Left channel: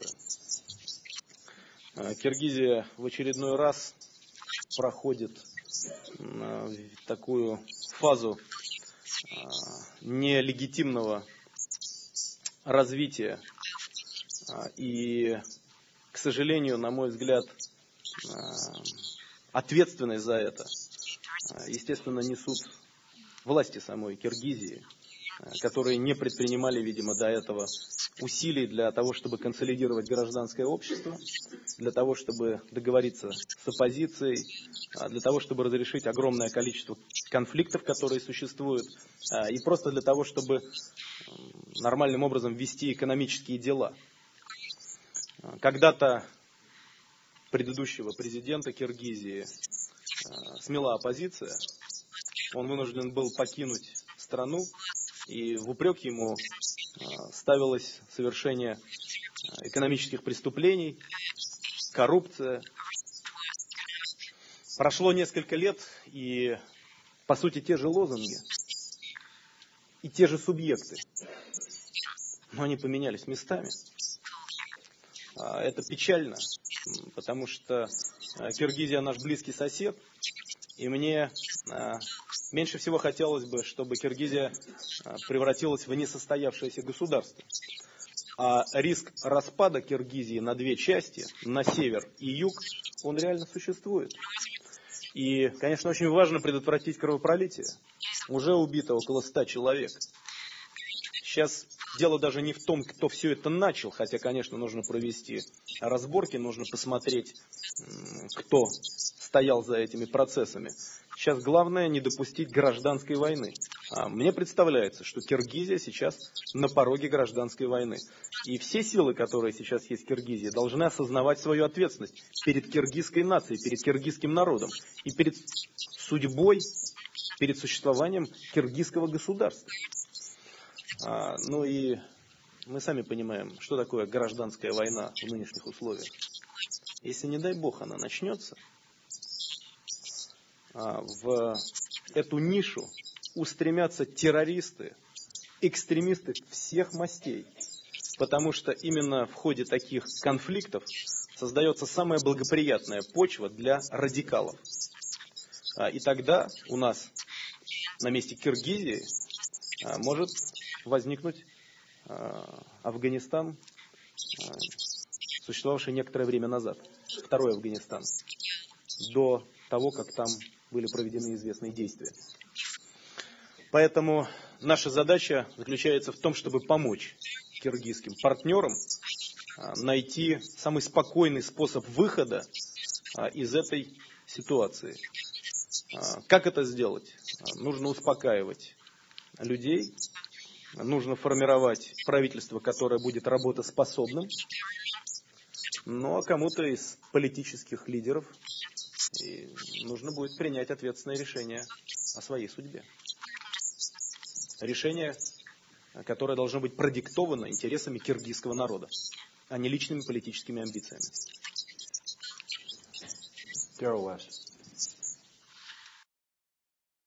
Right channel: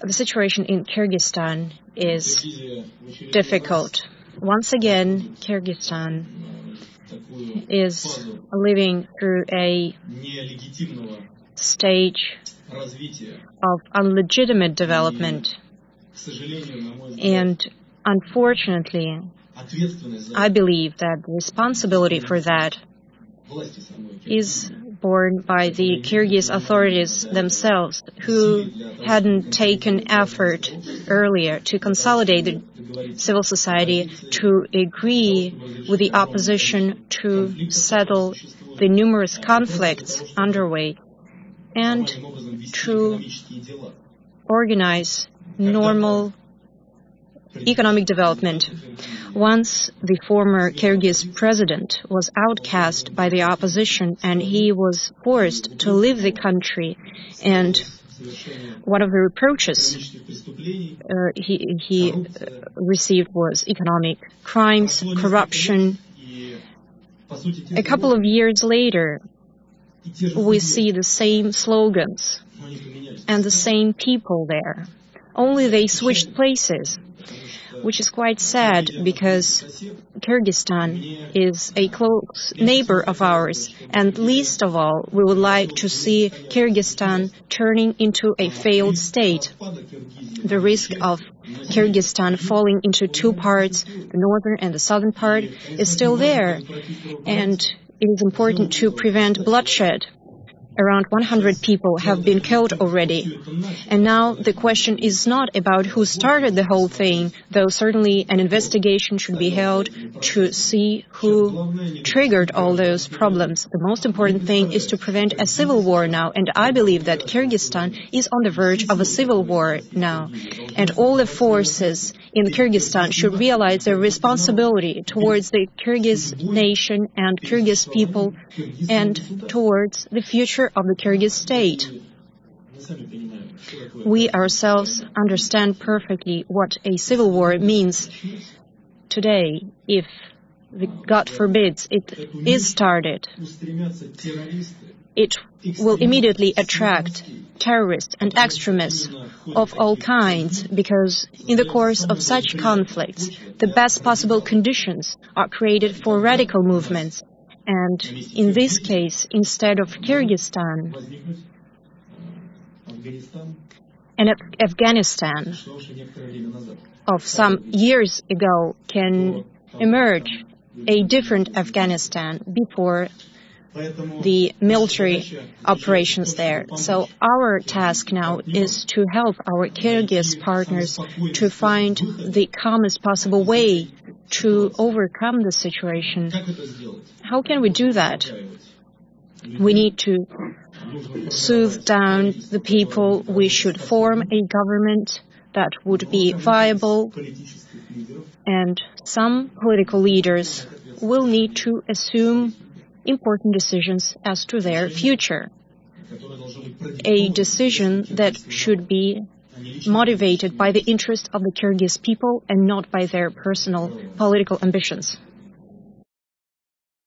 The situation in Kyrgyzstan is difficult. Once again, Kyrgyzstan is living through a stage of illegitimate development. And unfortunately, I believe that the responsibility for that is borne by the Kyrgyz authorities themselves, who hadn't taken effort earlier to consolidate the civil society, to agree with the opposition, to settle the numerous conflicts underway, and to organize normal economic development. Once the former Kyrgyz president was outcast by the opposition and he was forced to leave the country, and one of the reproaches he received was economic crimes, corruption. A couple of years later, we see the same slogans and the same people there. Only they switched places, which is quite sad because Kyrgyzstan is a close neighbor of ours, and least of all, we would like to see Kyrgyzstan turning into a failed state. The risk of Kyrgyzstan falling into two parts, the northern and the southern part, is still there, and it is important to prevent bloodshed. Around 100 people have been killed already. And now the question is not about who started the whole thing, though certainly an investigation should be held to see who triggered all those problems. The most important thing is to prevent a civil war now, and I believe that Kyrgyzstan is on the verge of a civil war now. And all the forces in Kyrgyzstan should realize their responsibility towards the Kyrgyz nation and Kyrgyz people and towards the future of the Kyrgyz state. We ourselves understand perfectly what a civil war means. Today, if, God forbids, it is started, it will immediately attract terrorists and extremists of all kinds, because in the course of such conflicts, the best possible conditions are created for radical movements. And in this case, instead of Kyrgyzstan, and Afghanistan of some years ago can emerge a different Afghanistan before the military operations there. So our task now is to help our Kyrgyz partners to find the calmest possible way to overcome this situation. How can we do that? We need to soothe down the people. We should form a government that would be viable, and some political leaders will need to assume important decisions as to their future. A decision that should be motivated by the interest of the Kyrgyz people and not by their personal political ambitions.